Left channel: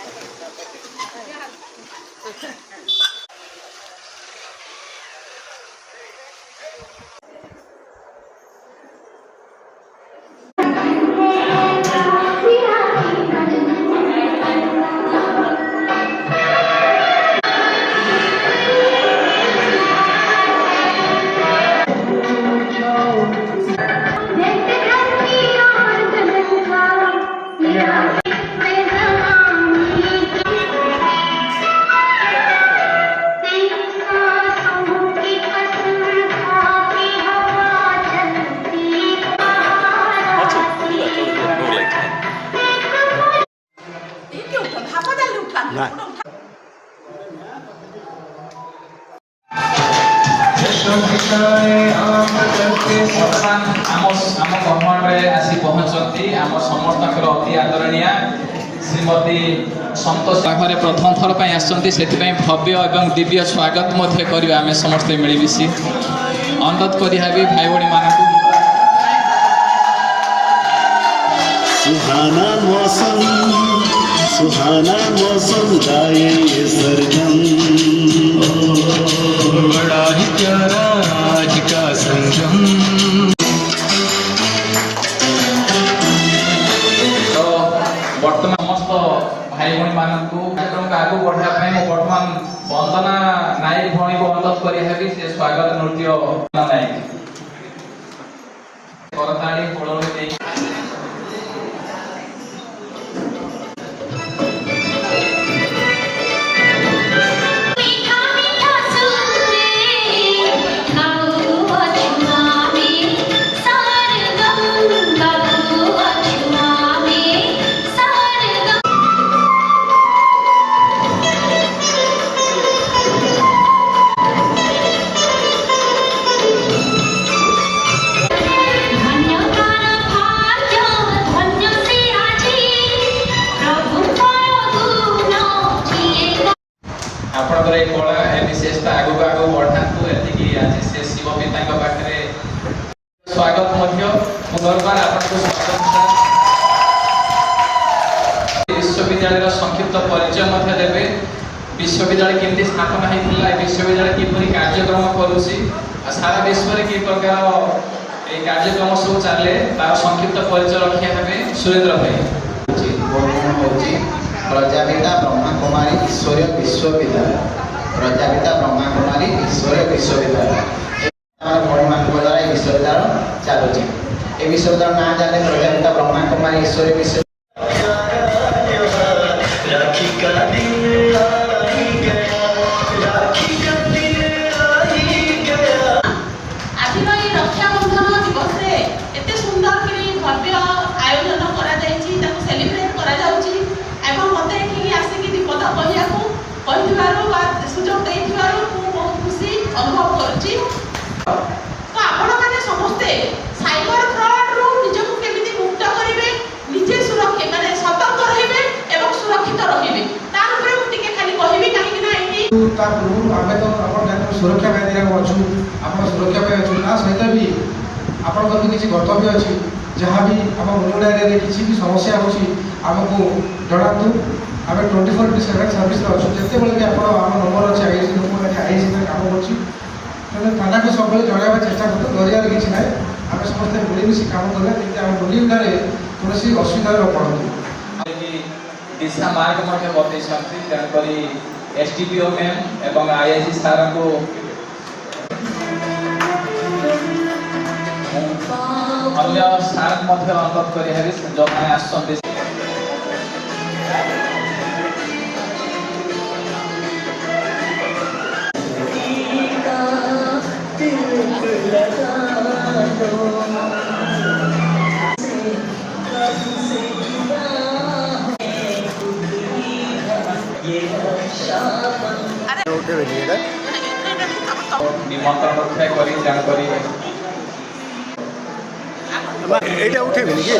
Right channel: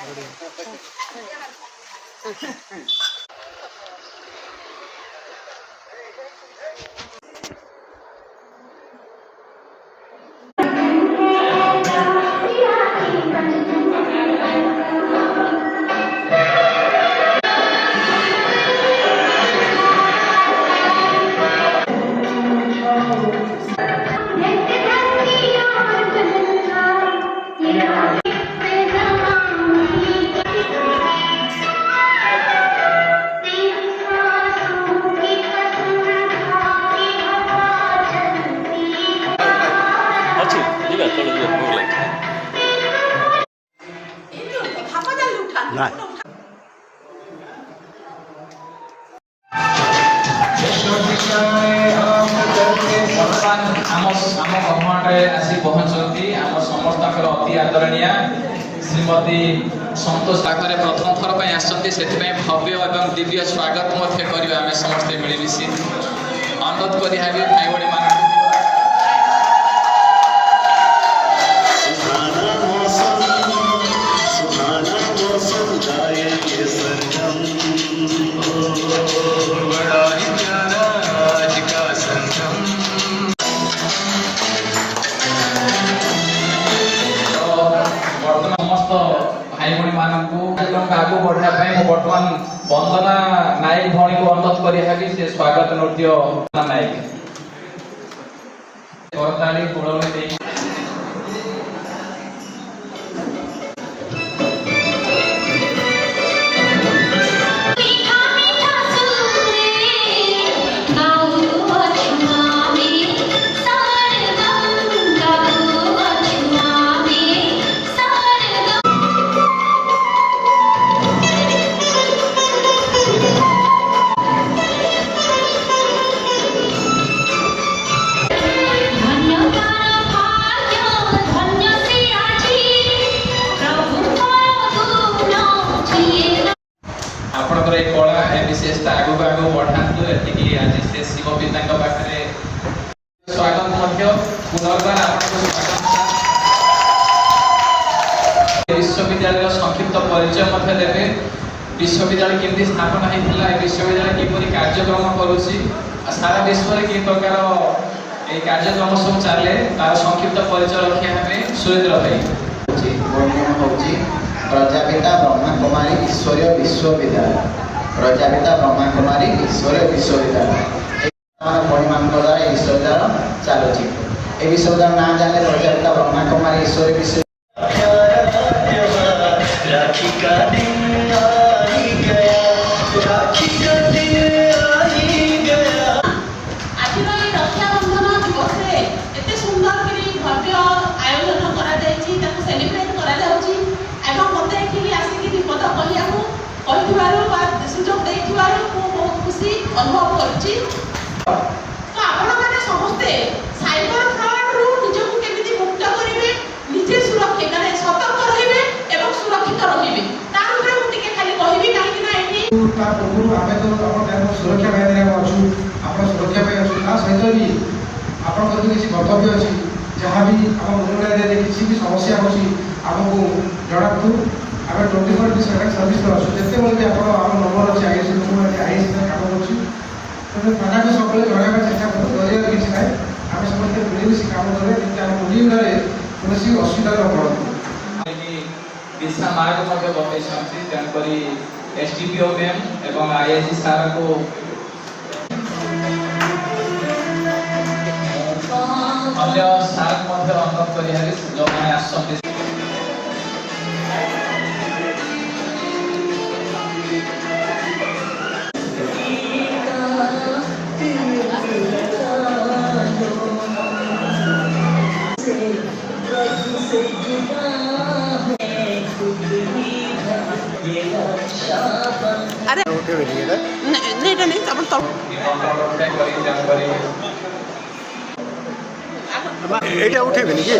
आसी पहुंचती आम समस्त अति आदरणीय श्रीमती संतोष पाखे प्रथम थर पर आसती से भव्य और दिव्य स्वागत करवा आम समस्ते मिलमिशी अनुरोध कर भाई भाई मान सुहाना मौसम गाए ये सरगम बड़ा ही प्यारा आज का संगम। तो बर्तमान समस्त भाई भाई मानक आगे बढ़ापी बर्तमान वंदना नायक भौणी को अनुरोध करी से स्वागत नृत्य नायक करताली फूलवती कला विशेषता आगू आगू बढ़ातु एतिकी आज से शिव पिता पाखे स्वागत पुनर्बार आपको स्वागत विश्वविद्यालय संक्षिप्त परिचय देवे विश्वविद्यालय केमती स्थापना होता है विश्वविद्यालय किपरि कार्यक्रम करुँची सारा विश्व में कि प्रकार ये कार्यक्रम सब चले तार संक्षिप्त परिचय रखा हमें सुरेंद्र भाई हूँ प्रजापिता ब्रह्मा कुमारी ईश्वरीय विश्वविद्यालय प्रजापिता ब्रह्मा कुमारी ईश्वरीय विश्वविद्यालय भाई मान द्वारा विश्वविद्यालय चलुची ये विश्वविद्यालय नाम जाने प्रजापिता ब्रह्मा कुमारी ईश्वरीय विश्वविद्यालय अनुभव करछि तो आपण माने समस्ते साइबर फ्रॉड रु निजको केमिति मुक्त करिवे निजे सुरक्षा माने सतर्क रहिबे एवं सुरक्षित रहिबे तार ऊपर मु टिके खाली कहिबी काहे कि ना एठी ता पूर्व आमे तो आपण गाँव सुरक्षा भाई अछु आपण सुरक्षा भाई अछु ता सहित भी आपण कर किछि कर्तव्य अछि जहां भी आपण रोड एरिया रे किछि भी समस्या होछि हमको जणातु आमे 24/7 सर्विस अछु जते बेले भी आपण हम नंबर अछि आईसी नंबर आईसी काम करछि तो थाना को सब जनाबा चेष्टा करते डरिया किसी ना आम समस्त मिलमिशी काम करें कि आम बुलिंडारे कौन असुविधा न पड़ती दिशा मार्ग बतई तेणुक एसडीपीओ मैम एवं आईआईसी सार को अन्य सार अनुरोध कर जो मैंने आस उठे नहीं नहीं उठे कि